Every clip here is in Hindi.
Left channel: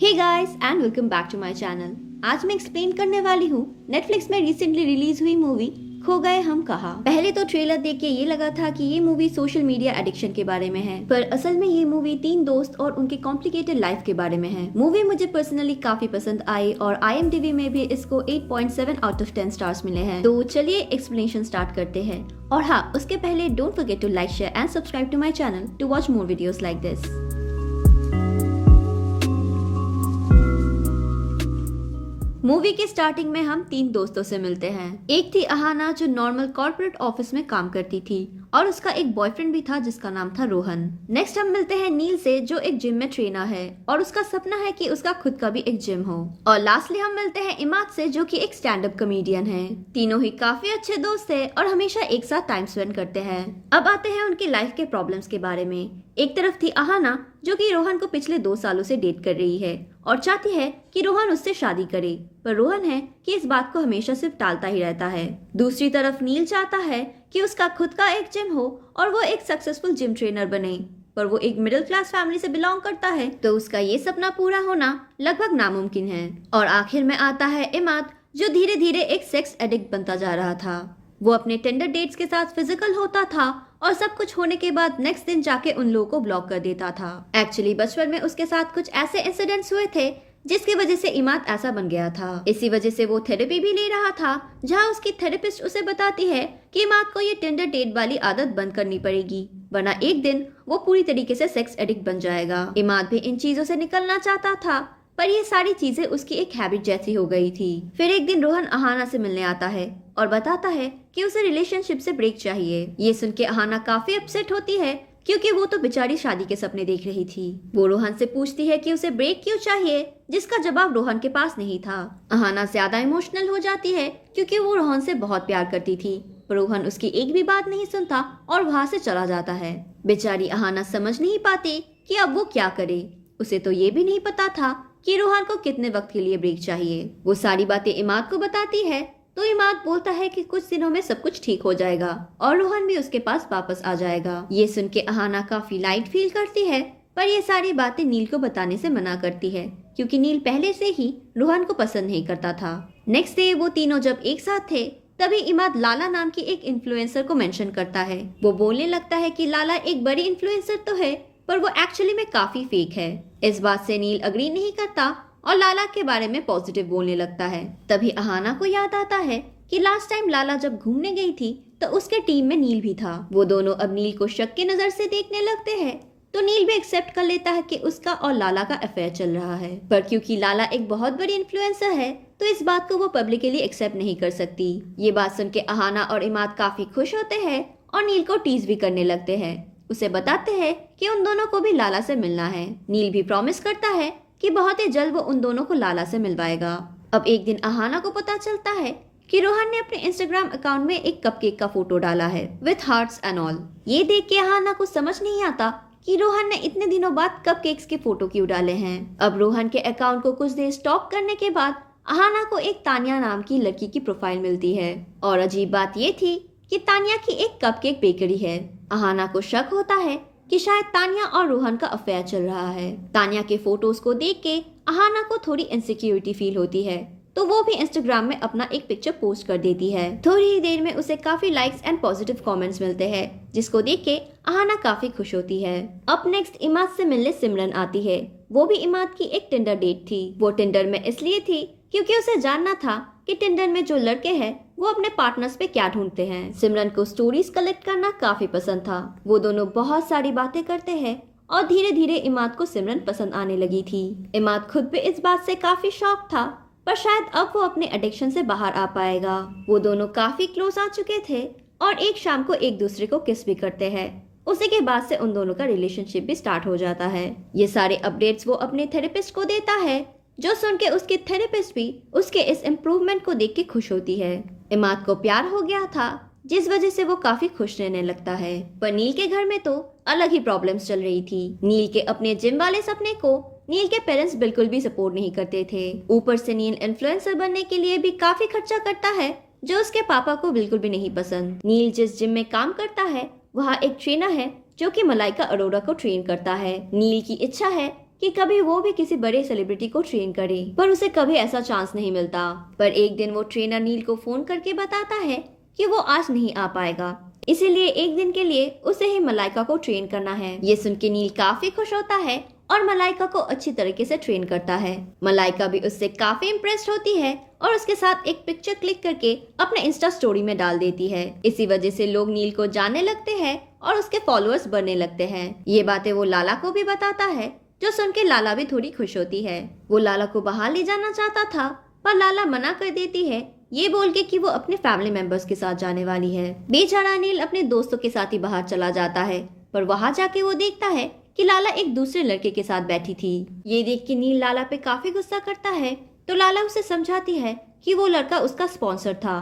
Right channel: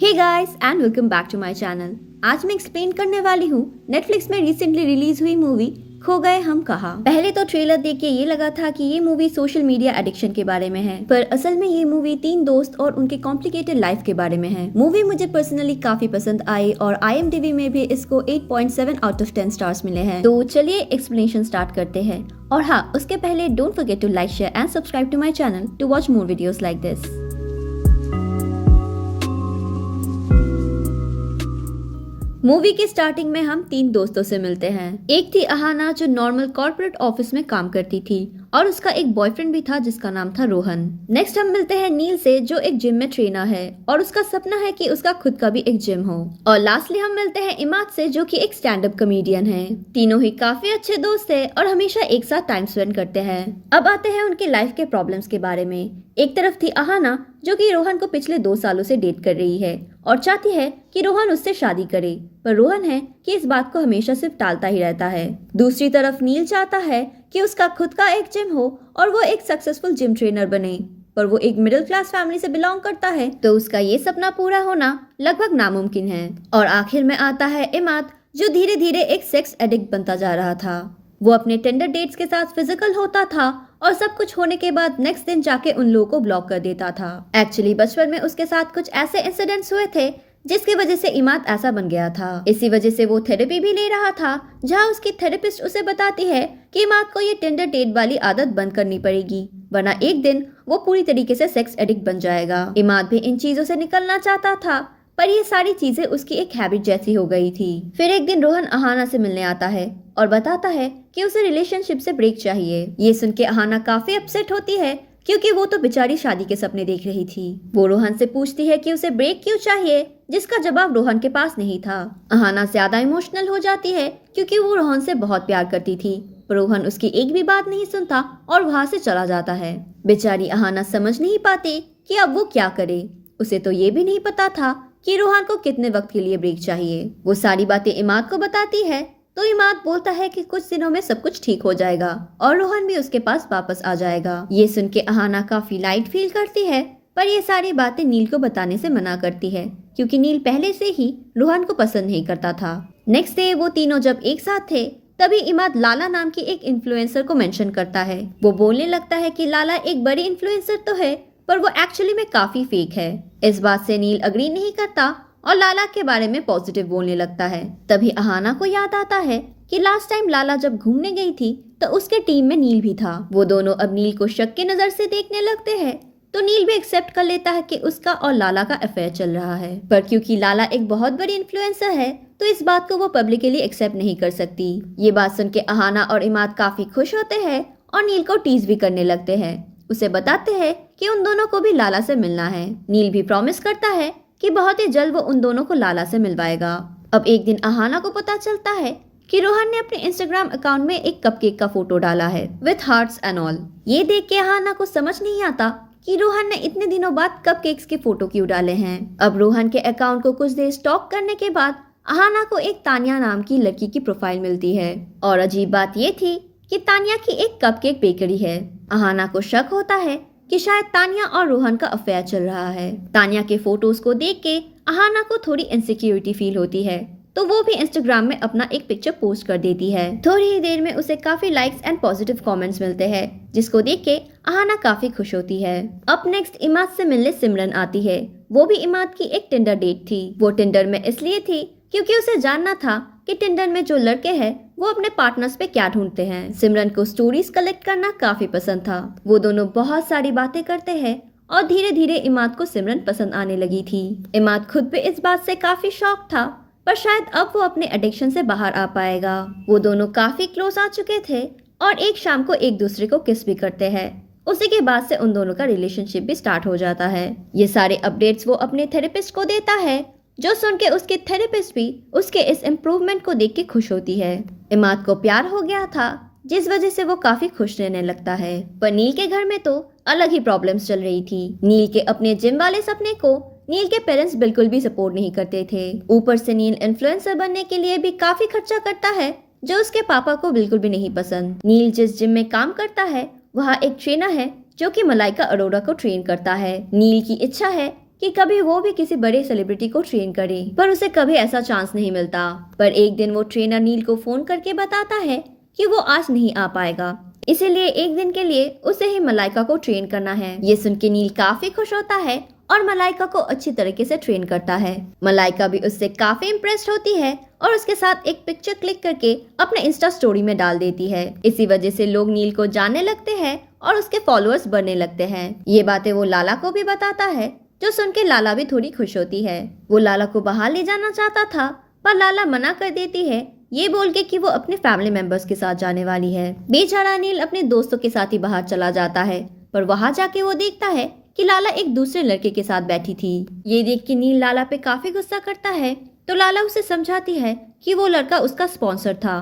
Hey guys and welcome back to my channel. आज मैं एक्सप्लेन करने वाली हूँ नेटफ्लिक्स में रिसेंटली रिलीज हुई मूवी खो गए हम कहाँ। पहले तो ट्रेलर देख के ये लगा था कि ये मूवी सोशल मीडिया एडिक्शन के बारे में है, पर असल में ये मूवी 3 दोस्त और उनके कॉम्प्लिकेटेड लाइफ के बारे में है। मूवी मुझे पर्सनली काफी पसंद आई और IMDb में भी इसको 8.7 आउट ऑफ 10 स्टार्स मिले हैं। तो चलिए एक्सप्लेनेशन स्टार्ट करते हैं। और हाँ, उसके पहले don't forget to like, share and subscribe to my channel to watch more videos like this. Movie की स्टार्टिंग में हम 3 दोस्तों से मिलते हैं। एक थी अहाना जो नॉर्मल कॉर्पोरेट ऑफिस में काम करती थी और उसका एक बॉयफ्रेंड भी था जिसका नाम था रोहन। नेक्स्ट हम मिलते हैं नील से जो एक जिम में ट्रेनर है और उसका सपना है कि उसका खुद का भी एक जिम हो। और लास्टली हम मिलते हैं इमाद से जो कि एक स्टैंड अप कॉमेडियन है। तीनों ही काफी अच्छे दोस्त है और हमेशा एक साथ टाइम स्पेंड करते हैं। अब आते हैं उनके लाइफ के प्रॉब्लम्स के बारे में। एक तरफ थी अहाना जो कि रोहन को पिछले 2 सालों से डेट कर रही है और चाहती है कि रोहन उससे शादी करे, पर रोहन है कि इस बात को हमेशा सिर्फ टालता ही रहता है। दूसरी तरफ नील चाहता है कि उसका खुद का एक जिम हो और वो एक सक्सेसफुल जिम ट्रेनर बने, पर वो एक मिडिल क्लास फैमिली से बिलोंग करता है तो उसका ये सपना पूरा होना लगभग नामुमकिन है। और आखिर में आता है इमाद जो धीरे धीरे एक सेक्स एडिक्ट बनता जा रहा था। वो अपने टेंडर डेट्स के साथ फिजिकल होता था और सब कुछ होने के बाद नेक्स्ट दिन जाके उन लोगों को ब्लॉक कर देता था। एक्चुअली बचपन में उसके साथ कुछ ऐसे इंसिडेंट्स हुए थे जिसकी वजह से इमाद ऐसा बन गया था। इसी वजह से वो थेरेपी भी ले रहा था जहां उसकी थेरेपिस्ट उसे बताती है कि इमाद को ये टेंडर डेट वाली आदत बंद करनी पड़ेगी, वरना एक दिन वो पूरी तरीके से सेक्स एडिक्ट बन जाएगा। इमाद भी इन चीजों से निकलना चाहता था पर ये सारी चीजें उसकी एक हैबिट जैसी हो गई थी। फिर एक दिन रोहन अहाना से मिलने आता है और बताता है कि उसे रिलेशनशिप से ब्रेक चाहिए। ये सुन के अहाना काफी अपसेट होती है क्योंकि वो तो बेचारी शादी के सपने देख रही थी। वो रोहन से पूछती है कि उसे ब्रेक क्यों चाहिए, जिसका जवाब रोहन के पास नहीं था। अहाना ज्यादा इमोशनल हो जाती है क्योंकि वो रोहन से बहुत प्यार करती थी, पर रोहन उसकी एक भी बात नहीं सुनता और वहाँ से चला जाता है। बेचारी अहाना समझ नहीं पाती कि अब वो क्या करे। उसे तो ये भी नहीं पता था कि रोहन को कितने वक्त के लिए ब्रेक चाहिए। वो सारी बातें इमाद को बताती है तो इमाद बोलता है कि कुछ दिनों में सब कुछ ठीक हो जाएगा और रोहन भी उसके पास वापस आ जाएगा। ये सुन के अहाना काफी लाइट फील करती है, पर ये सारी बातें नील को बताने से मना करती है क्योंकि नील पहले से ही रोहन को पसंद नहीं करता था। नेक्स्ट डे वो तीनों जब एक साथ थे तभी इमाद लाला नाम की एक इन्फ्लुएंसर को मेंशन करता है। वो बोलने लगता है कि लाला एक बड़ी इन्फ्लुएंसर तो है पर वो एक्चुअली में काफी फेक है। इस बात से नील अग्री नहीं करता और लाला के बारे में पॉजिटिव बोलने लगता है। तभी अहाना को याद आता है कि लास्ट टाइम लाला जब घूमने गई थी तो उसके टीम में नील भी था। वो दोनों अब नील को शक की नजर से देखने लगते हैं तो नील भी एक्सेप्ट कर लेता है कि उसका और लाला का अफेयर चल रहा है, पर क्योंकि लाला एक बहुत बड़ी इन्फ्लुएंसर है तो इस बात को वो पब्लिकली एक्सेप्ट नहीं कर सकती। ये बात सुन के अहाना और इमाद काफी खुश होते हैं और नील को टीज भी करने लगते हैं। उसे बताते हैं कि उन दोनों को भी लाला से मिलना है। नील भी प्रॉमिस करता है कि बहुत ही जल्द वो उन दोनों को लाला से मिलवाएगा। अब एक दिन अहाना को पता चलता है कि रोहन ने अपने इंस्टाग्राम अकाउंट में एक कपकेक का फोटो डाला है विथ हार्ट्स एंड ऑल। ये देख के अहाना को समझ नहीं आता कि रोहन ने इतने दिनों बाद कपकेक्स के फोटो क्यों डाले हैं। अब रोहन के अकाउंट को कुछ देर स्टॉक करने के बाद अहाना को एक तानिया नाम की लड़की की प्रोफाइल मिलती है और अजीब बात ये थी कि तानिया की एक कपकेक बेकरी है। अहाना को शक होता है कि शायद तानिया और रोहन का अफेयर चल रहा है। तानिया के फोटोज को देख के अहाना को थोड़ी इनसिक्योरिटी फील होती है तो वो भी इंस्टाग्राम में अपना एक पिक्चर पोस्ट कर देती है। थोड़ी ही देर में उसे काफी लाइक्स एंड पॉजिटिव कमेंट्स मिलते हैं जिसको देख के अहाना काफी खुश होती है। अब नेक्स्ट इमाद से मिलने सिमरन आती है। वो भी इमाद की एक टिंडर डेट थी। वो टिंडर में इसलिए थी क्योंकि उसे जानना था कि टिंडर में जो लड़के हैं वो अपने पार्टनर्स पे क्या ढूंढते हैं। सिमरन को स्टोरीज कलेक्ट करना काफी पसंद था। वो दोनों बहुत सारी बातें करते हैं और धीरे धीरे इमाद को सिमरन पसंद आने लगी थी। इमाद खुद भी इस बात से काफी शॉक था, पर शायद अब वो अपने एडिक्शन से बाहर आ पाएगा। वो दोनों काफी क्लोज आ चुके थे और एक शाम को एक दूसरे को किस भी करते हैं। उसी के बाद से उन दोनों का रिलेशनशिप भी स्टार्ट हो जाता है। ये सारे अपडेट्स वो अपने थेरेपिस्ट को देता है जो सुन के उसके थेरेपिस्ट भी उसके इस इम्प्रूवमेंट को देख के खुश होती है। इमाद को प्यार हो गया था जिस वजह से वो काफी खुश रहने लगता है, पर नील के घर में तो अलग ही प्रॉब्लम्स चल रही थी। नील के अपने जिम वाले सपने को नील के पेरेंट्स बिल्कुल भी सपोर्ट नहीं करते थे। ऊपर से नील इन्फ्लुएंसर बनने के लिए भी काफी खर्चा करता है जो उसके पापा को बिल्कुल भी नहीं पसंद। नील जिस जिम में काम करता है वहाँ एक ट्रेनर है जो कि मलाइका अरोड़ा को ट्रेन करता है। नील की इच्छा है कि कभी वो भी किसी बड़े सेलिब्रिटी को ट्रेन करे, पर उसे कभी ऐसा चांस नहीं मिलता। पर एक दिन वो ट्रेनर नील को फोन करके बताता है कि वो आज नहीं आ पाएगा, इसीलिए एक दिन के लिए उसे ही मलाइका को ट्रेन करना है। ये सुन के नील काफी खुश होता है और मलाइका को अच्छी तरीके से ट्रेन करता है। मलाइका भी उससे काफी इम्प्रेस्ड होती है और उसके साथ एक पिक्चर क्लिक करके अपने इंस्टा स्टोरी में डाल देती है। इसी वजह से लोग नील को जानने लगते हैं और उसके फॉलोअर्स बढ़ने लगते हैं। ये बातें वो लाला को भी बताता है, जो सुन के लाला भी थोड़ी खुश होती है। वो लाला को बाहर ले जाना चाहता था, पर लाला मना कर देती है, ये बोल के कि वो अपने फैमिली मेंबर्स के साथ जाने वाली है। बेचारा नील अपने दोस्तों के साथ ही बाहर चला जाता है, पर वहाँ जाके वो देखता है कि लाला एक दूसरे लड़के के साथ बैठी थी। ये देख के नील लाला पे काफी गुस्सा करता है, तो लाला उसे समझाती है कि वो लड़का उसका स्पॉन्सर था,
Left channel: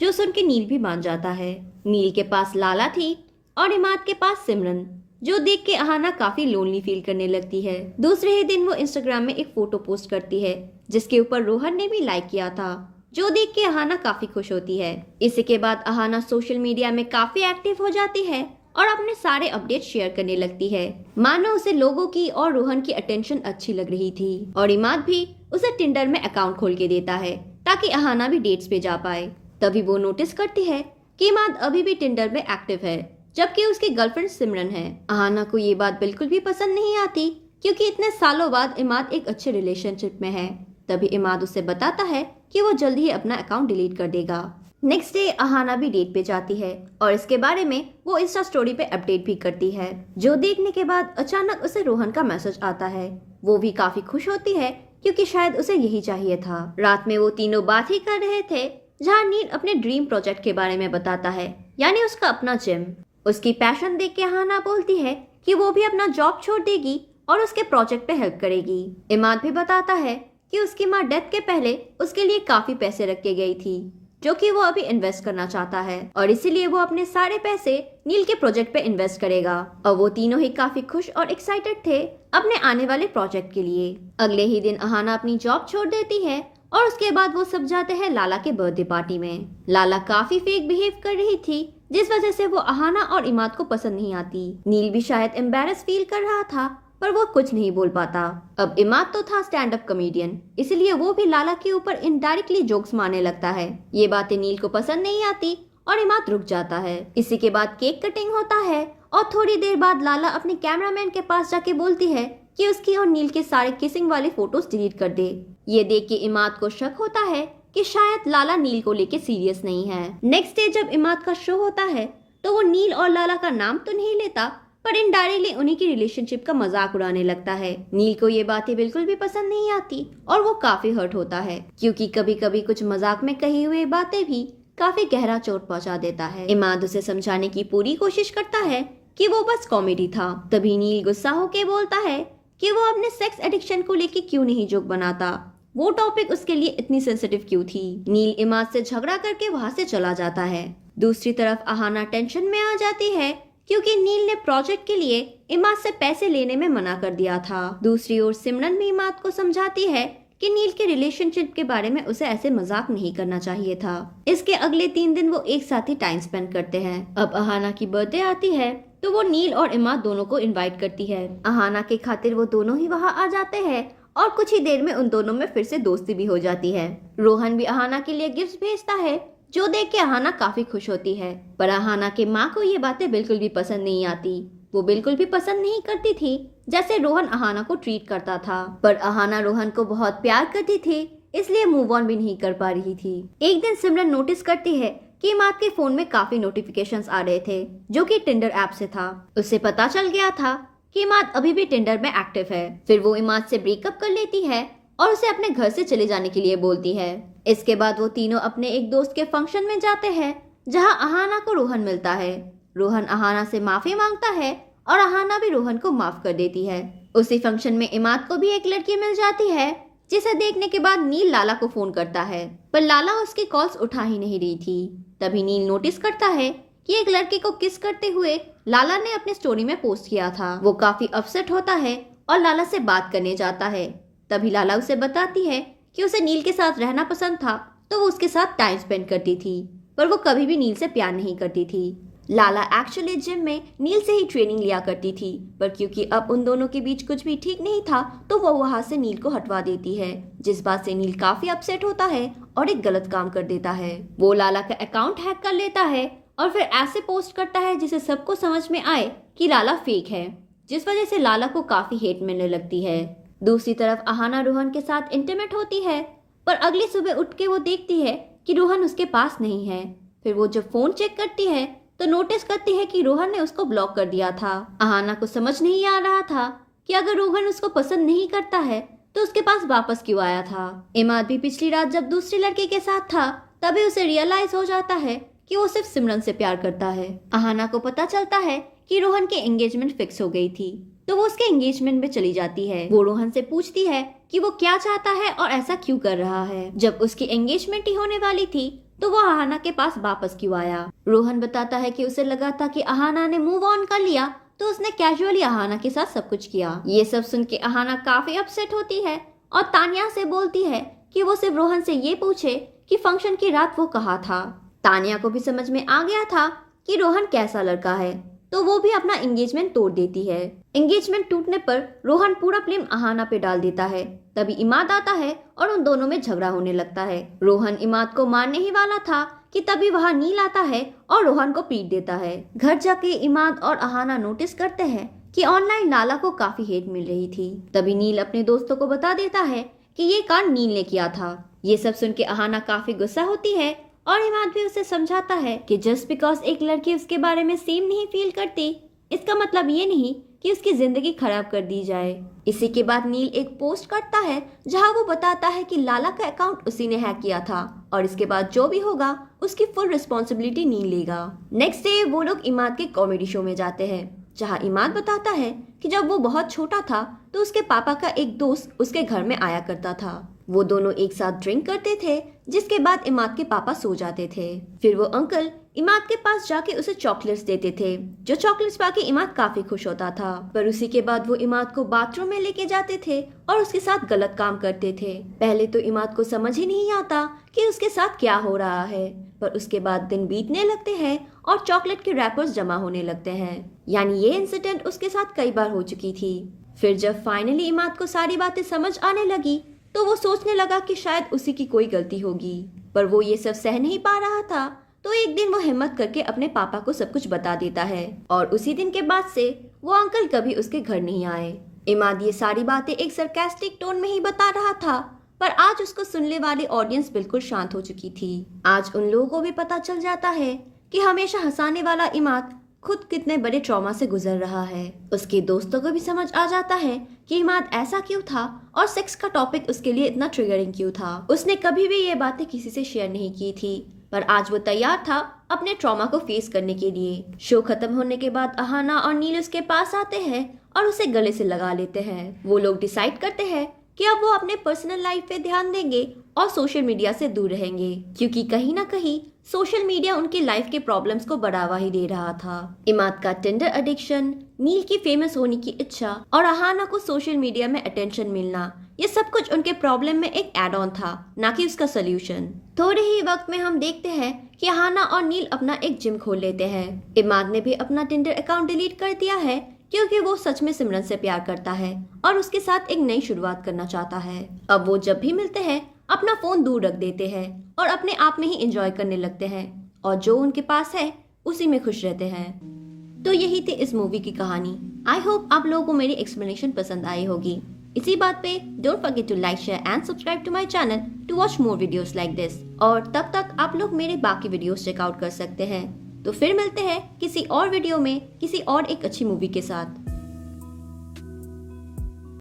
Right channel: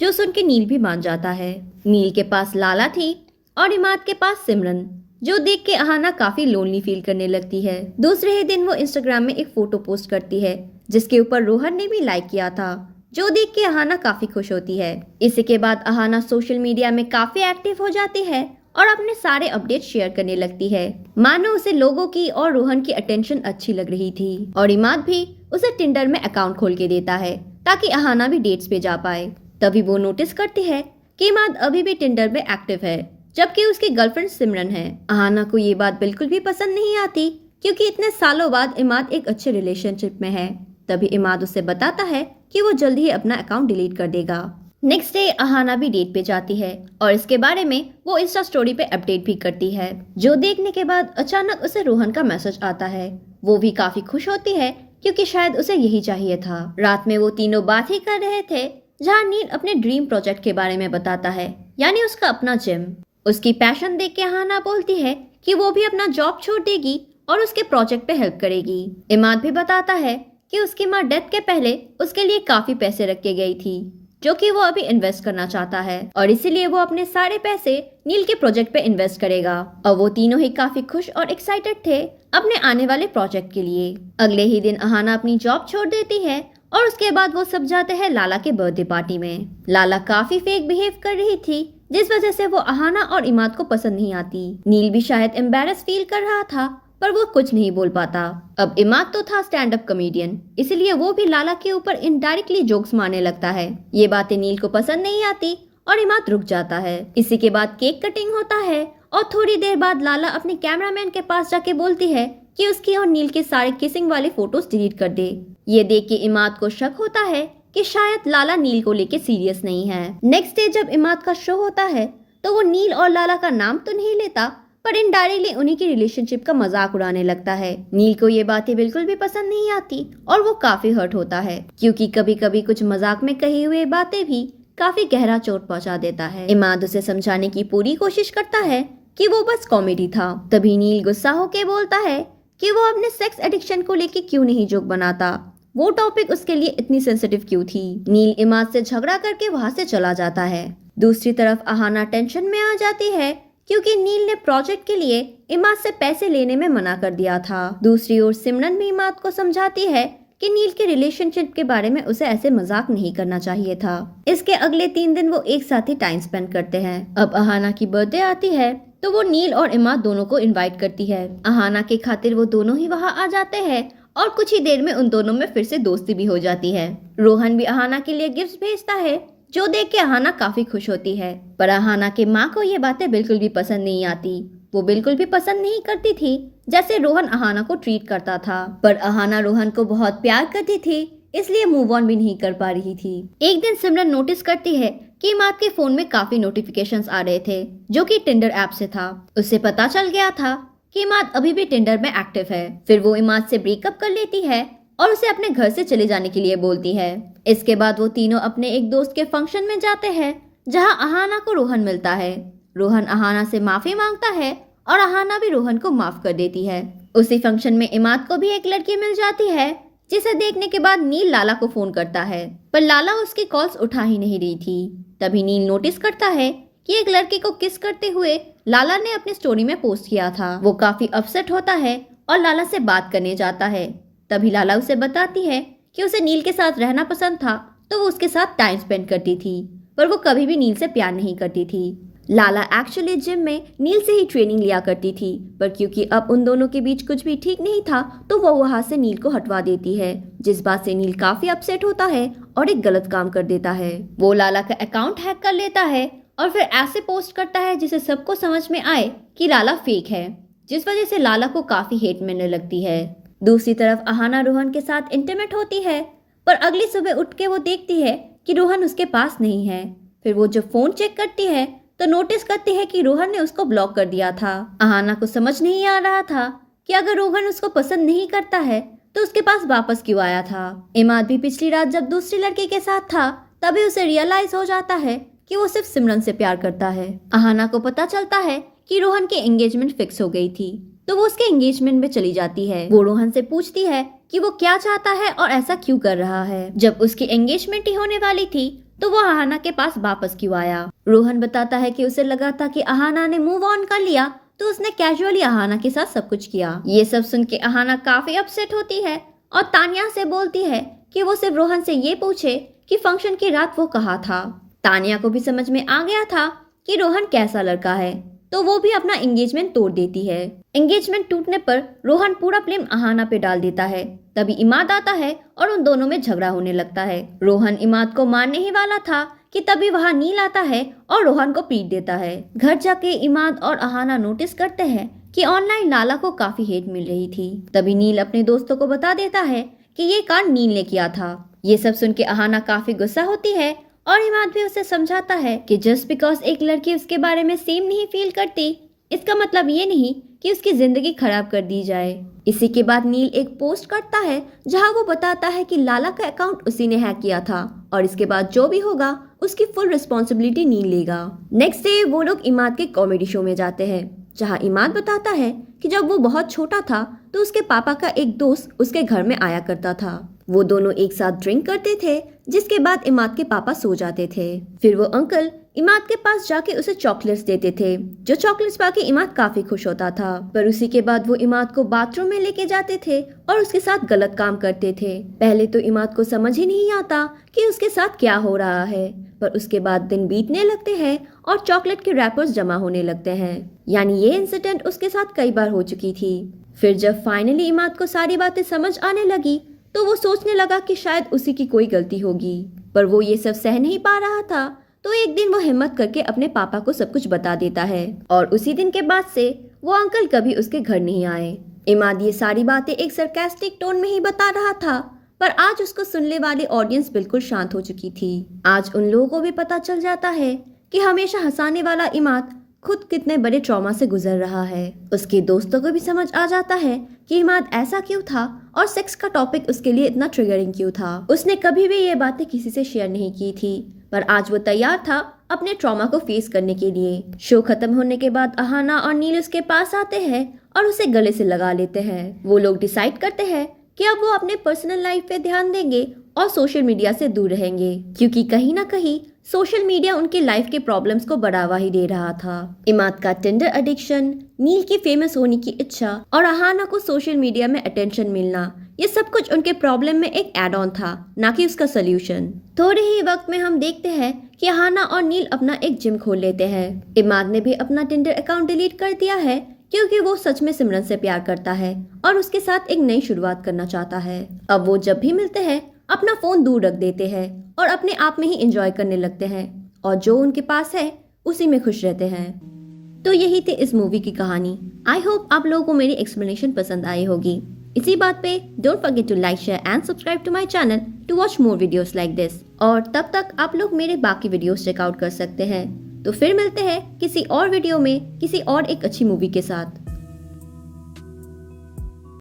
जो सुन के नील भी मान जाता है। नील के पास लाला थी और इमाद के पास सिमरन, जो देख के अहाना काफी लोनली फील करने लगती है। दूसरे ही दिन वो इंस्टाग्राम में एक फोटो पोस्ट करती है, जिसके ऊपर रोहन ने भी लाइक किया था, जो देख के अहाना काफी खुश होती है। इसी के बाद अहाना सोशल मीडिया में काफी एक्टिव हो जाती है और अपने सारे अपडेट शेयर करने लगती है, मानो उसे लोगों की और रोहन की अटेंशन अच्छी लग रही थी। और इमाद भी उसे टिंडर में अकाउंट खोल के देता है ताकि अहाना भी डेट्स पे जा पाए। तभी वो नोटिस करती है कि इमाद अभी भी टिंडर में एक्टिव है, जबकि उसकी गर्लफ्रेंड सिमरन है। अहाना को ये बात बिल्कुल भी पसंद नहीं आती, क्योंकि इतने सालों बाद इमाद एक अच्छे रिलेशनशिप में है। तभी इमाद उसे बताता है कि वो जल्दी ही अपना अकाउंट डिलीट कर देगा। नेक्स्ट डे अहाना भी डेट पे जाती है और इसके बारे में वो इंस्टा स्टोरी पे अपडेट भी करती है, जो देखने के बाद अचानक उसे रोहन का मैसेज आता है। वो भी काफी खुश होती है, क्योंकि शायद उसे यही चाहिए था। रात में वो तीनों बात ही कर रहे थे, जहाँ नील अपने ड्रीम प्रोजेक्ट के बारे में बताता है, यानी उसका अपना जिम। उसकी पैशन देख के अहाना बोलती है कि वो भी अपना जॉब छोड़ देगी और उसके प्रोजेक्ट पे हेल्प करेगी। इमाद भी बताता है कि उसकी माँ डेथ के पहले उसके लिए काफी पैसे रख के गई थी, जो कि वो अभी इन्वेस्ट करना चाहता है, और इसीलिए वो अपने सारे पैसे नील के प्रोजेक्ट पे इन्वेस्ट करेगा। और वो तीनों ही काफी खुश और एक्साइटेड थे अपने आने वाले प्रोजेक्ट के लिए। अगले ही दिन अहाना अपनी जॉब छोड़ देती है और उसके बाद वो सब जाते हैं लाला के बर्थडे पार्टी में। लाला काफी फेक बिहेव कर रही थी, जिस वजह से वो अहाना और इमाद को पसंद नहीं आती। नील भी शायद एम्बेरस फील कर रहा था, पर वो कुछ नहीं बोल पाता। अब इमाद तो था स्टैंड अप कॉमेडियन, इसलिए वो भी लाला के ऊपर इनडायरेक्टली जोक्स मारने लगता है। ये बातें नील को पसंद नहीं आती और इमाद रुक जाता है। इसी के बाद केक कटिंग होता है और थोड़ी देर बाद लाला अपने कैमरामैन के पास जाके बोलती है कि उसकी और नील के सारे किसिंग वाले फोटोज डिलीट कर दे। ये देख के इमाद को शक होता है कि शायद लाला नील को लेके सीरियस नहीं है। नेक्स्ट डे जब इमाद का शो होता है, तो वो नील और लाला का नाम तो नहीं लेता, पर इनडायरेक्टली उन्हीं की रिलेशनशिप का मजाक उड़ाने लगता है। नील को ये बातें बिल्कुल भी पसंद नहीं आती और वो काफी हर्ट होता है, क्योंकि कभी कभी कुछ मजाक में कही हुई बातें भी काफी गहरा चोट पहुंचा देता है। इमाद उसे समझाने की पूरी कोशिश करता है कि वो बस कॉमेडी था। तभी नील गुस्सा होके बोलता है कि वो अपने सेक्स एडिक्शन को लेके क्यों नहीं जोक बनाता, वो टॉपिक उसके लिए इतनी सेंसिटिव क्यों थी। नील इमाद से झगड़ा करके वहां से चला जाता है। दूसरी तरफ अहाना टेंशन में आ जाती है, क्योंकि नील ने प्रोजेक्ट के लिए इमाद से पैसे लेने में मना कर दिया था। दूसरी ओर सिमरन भी इमाद को समझाती है कि नील के रिलेशनशिप के बारे में उसे ऐसे मजाक नहीं करना चाहिए था। इसके अगले 3 दिन वो एक साथ ही टाइम स्पेंड करते हैं। अब अहाना की बर्थडे आती है, तो वो नील और इमाद दोनों को इनवाइट करती है। अहाना के खातिर वो दोनों ही वहाँ आ जाते हैं और कुछ ही देर में उन दोनों में फिर से दोस्ती भी हो जाती है। रोहन भी अहाना के लिए गिफ्ट भेजता है, जो देख के अहाना काफी खुश होती है। पर अहाना के माँ को ये बातें बिल्कुल भी पसंद नहीं आती। वो बिल्कुल भी पसंद नहीं करती थी जैसे रोहन अहाना को ट्रीट करता था। पर अहाना रोहन को बहुत प्यार करती थी, इसलिए मूव ऑन भी नहीं कर पा रही थी। एक दिन सिमरन नोटिस करती है कि इमाद के फोन में काफी नोटिफिकेशंस आ रहे थे, जो कि टिंडर ऐप से था। उससे पता चल गया था कि इमाद अभी भी टिंडर में एक्टिव है। फिर वो इमाद से ब्रेकअप कर लेती है और उसे अपने घर से चले जाने के लिए बोलती है। इसके बाद वो तीनों अपने एक दोस्त के फंक्शन में जाते हैं, जहां अहाना को रोहन मिलता है। रोहन अहाना से माफी मांगता है और अहाना भी रोहन को माफ कर देती है। उसी फंक्शन में इमाद को भी एक लड़की मिल जाती है, जिसे देखने के बाद नील लाला को फोन करता है, पर लाला उसकी कॉल्स उठा ही नहीं रही थी। तभी नील नोटिस करता है कि एक लड़के को किस करते हुए लाला ने अपने स्टोरी में पोस्ट किया था। वो काफी अपसेट होता है और लाला से बात करने जाता है। तभी लाला उसे बताती है कि उसे नील के साथ रहना पसंद था, तो वो उसके साथ टाइम स्पेंड करती थी, पर वो कभी भी नील से प्यार नहीं करती थी। लाला एक्चुअली जिम में नील से ही ट्रेनिंग लिया करती थी, पर क्योंकि अब उन दोनों के बीच कुछ भी ठीक नहीं था तो वो वहां से नील को हटवा देती है, जिस बात से नील काफी अपसेट होता है और एक गलत काम कर देता है। वो लाला का अकाउंट हैक कर लेता है और फिर ऐसे पोस्ट करता है जिसे सबको समझ में आए कि लाला फेक है, जिस वजह से लाला को काफी हेट मिलने लगती है। दूसरी तरफ अहाना रोहन के साथ इंटीमेट होती है, पर अगली सुबह उठ के वो देखती है कि रोहन उसके पास नहीं है। फिर वो जब फोन चेक करती है तो नोटिस करती है कि रोहन ने उसको ब्लॉक कर दिया था। अहाना को समझ नहीं आ रहा था कि अगर रोहन उसको पसंद नहीं करता है तो उसके पास वापस क्यों आया था। इमाद भी पिछली रात जब दूसरी लड़के के साथ था तभी उसे रियलाइज हो जाता है कि वो सिर्फ सिमरन से प्यार करता है। अहाना को पता चलता है कि रोहन की एंगेजमेंट फिक्स हो गई थी, तो वो उसके एंगेजमेंट में चली जाती है। वो रोहन से पूछती है कि वो क्या चाहता है और ऐसा क्यों कर रहा है। जब उसकी एंगेजमेंट ही होने वाली थी तो वो अहाना के पास वापस क्यों आया। रोहन बताता है कि उसे लगा था कि अहाना ने मूव ऑन कर लिया तो उसने कैजुअली अहाना के साथ सब कुछ किया। ये सब सुन के अहाना काफी अपसेट होती है और तानिया से बोलती है कि वो सिर्फ रोहन से ये पूछे कि फंक्शन की रात वो कहाँ था। तानिया को भी समझ में आ गया था कि रोहन कैसा लड़का है, तो वो भी अपना एंगेजमेंट तोड़ देती है। एंगेजमेंट टूटने पर रोहन पूरा ब्लेम अहाना पे डाल देता है। तभी इमाद आता है और उन दोनों में झगड़ा होने लगता है। रोहन इमाद को मारने ही वाला था कि तभी वहाँ नील आता है और रोहन को पीट देता है। घर जाके इमाद और अहाना नोटिस करते हैं कि ऑनलाइन लाला को काफी हेट मिल रही थी। तभी नील अपने दोस्तों को बता देता है कि ये कांड नील ने किया था। ये सब सुन के अहाना काफी गुस्सा होती है और इमाद भी उसे समझाता है कि जस्ट बिकॉज एक लड़की उसके बारे में सेम नहीं फील करती, इसका मतलब ये नहीं कि उसकी जिंदगी खराब कर दी जाए। इसी के बाद नील एक पोस्ट करता है जहां वो बताता है कि लाला का अकाउंट उसी ने हैक किया था और इसके बाद जो भी होगा उसकी फुल रिस्पॉन्सिबिलिटी नील लेगा। नेक्स्ट डे वो लोग इमाद के कॉमेडी शो में जाते हैं, जहां इमाद बताता है कि जब वो बहुत छोटा था तो उसके पापा का एक दोस्त उसके घर में आया करता था। वो दोनों एक साथ ड्रिंक करते थे, जिसके बाद इमाद के पापा सो जाते थे। फिर वो अंकल इमाद के पास जाके उसे चॉकलेट्स देते थे, जो चॉकलेट्स पाके इमाद काफी खुश होता था। पर उसी के बाद वो इमाद को बाथरूम में लेके जाते थे और उसके साथ गलत काम करते थे। पहले तो इमाद को समझ ही नहीं आता कि उसके साथ क्या हो रहा है, पर उसके बाद दिन बीतने लगते हैं और चॉकलेट के रैपर्स जमा होने लगते हैं। यानी ये इंसिडेंट उसके साथ कई बार हो चुकी थी। फिर जब फाइनली इमाद को सारी बातें समझ आने लगी तो वो सोचने लगा कि शायद उसी की कोई गलती होगी, पर वो ये सब सह नहीं पा रहा था। तो एक दिन वो हिम्मत करके अपने पापा को सब कुछ बता देता है और उसी दिन के बाद से वो अंकल कभी उसके घर नहीं आए। इमाद ये सारी बातें एक सरकास्टिक टोन में ही बता रहा था, पर आज उसको सुनने वाली ऑडियंस बिल्कुल शांत हो चुकी थी। आज उन लोगों को भी पता चल जाता है कि हमेशा हंसाने वाला इमाद खुद कितने बड़े ट्रॉमा से गुजर रहा है। उसके दोस्तों को भी समझ आ जाता है कि इमाद ऐसा क्यों था और सेक्स का टॉपिक उसके लिए इतना ट्रिगरिंग क्यों था। उसने कभी भी ये बातें किसी से शेयर नहीं की थी, पर आज वो तैयार था अपने ट्रॉमा को फेस करने के लिए। शो खत्म होने के बाद अहाना और नील उसके पास आते हैं और उसे गले से लगा लेते हैं। वो लोग डिसाइड करते हैं कि अब वो अपने पर्सनल लाइफ पे ध्यान देंगे और सोशल मीडिया से दूर रहेंगे, क्योंकि कहीं ना कहीं सोशल मीडिया उनके लाइफ के प्रॉब्लम्स को बढ़ावा ही दे रहा था। इमाद का टिंडर एडिक्शन, नील की फेमस होने की इच्छा और अहाना को सोशल मीडिया में अटेंशन मिलना, ये सब कुछ उनके प्रॉब्लम में एक एड ऑन था, ना कि उसका सोल्यूशन। थोड़े ही वक्त में हम देखते हैं कि अहाना और नील अपना एक जिम खोल लेते हैं। इमाद ने भी अपना टिंडर अकाउंट डिलीट कर दिया है, क्योंकि वो सच में सिमरन से प्यार करता है और उसके साथ एक नई शुरुआत करना चाहता है। अब वो जब भी मिलते हैं अपना फोन दूर रख देते हैं और अपने आप में ही एंजॉय करने लगते हैं और जो उनके पास है उसी में खुश रहते हैं। तो यही थी इस मूवी की कहानी। आई होप आप लोगों को मेरी एक्सप्लेनेशन पसंद आई होगी। इसी बात पे don't forget to like, share and subscribe to my channel to watch more videos like this. और तब तक आप लोग मेरे बाकी वीडियोस चेकआउट कर सकते हैं। तो फिर मिलते हैं किसी और वीडियो में किसी और एक अच्छी मूवी के साथ।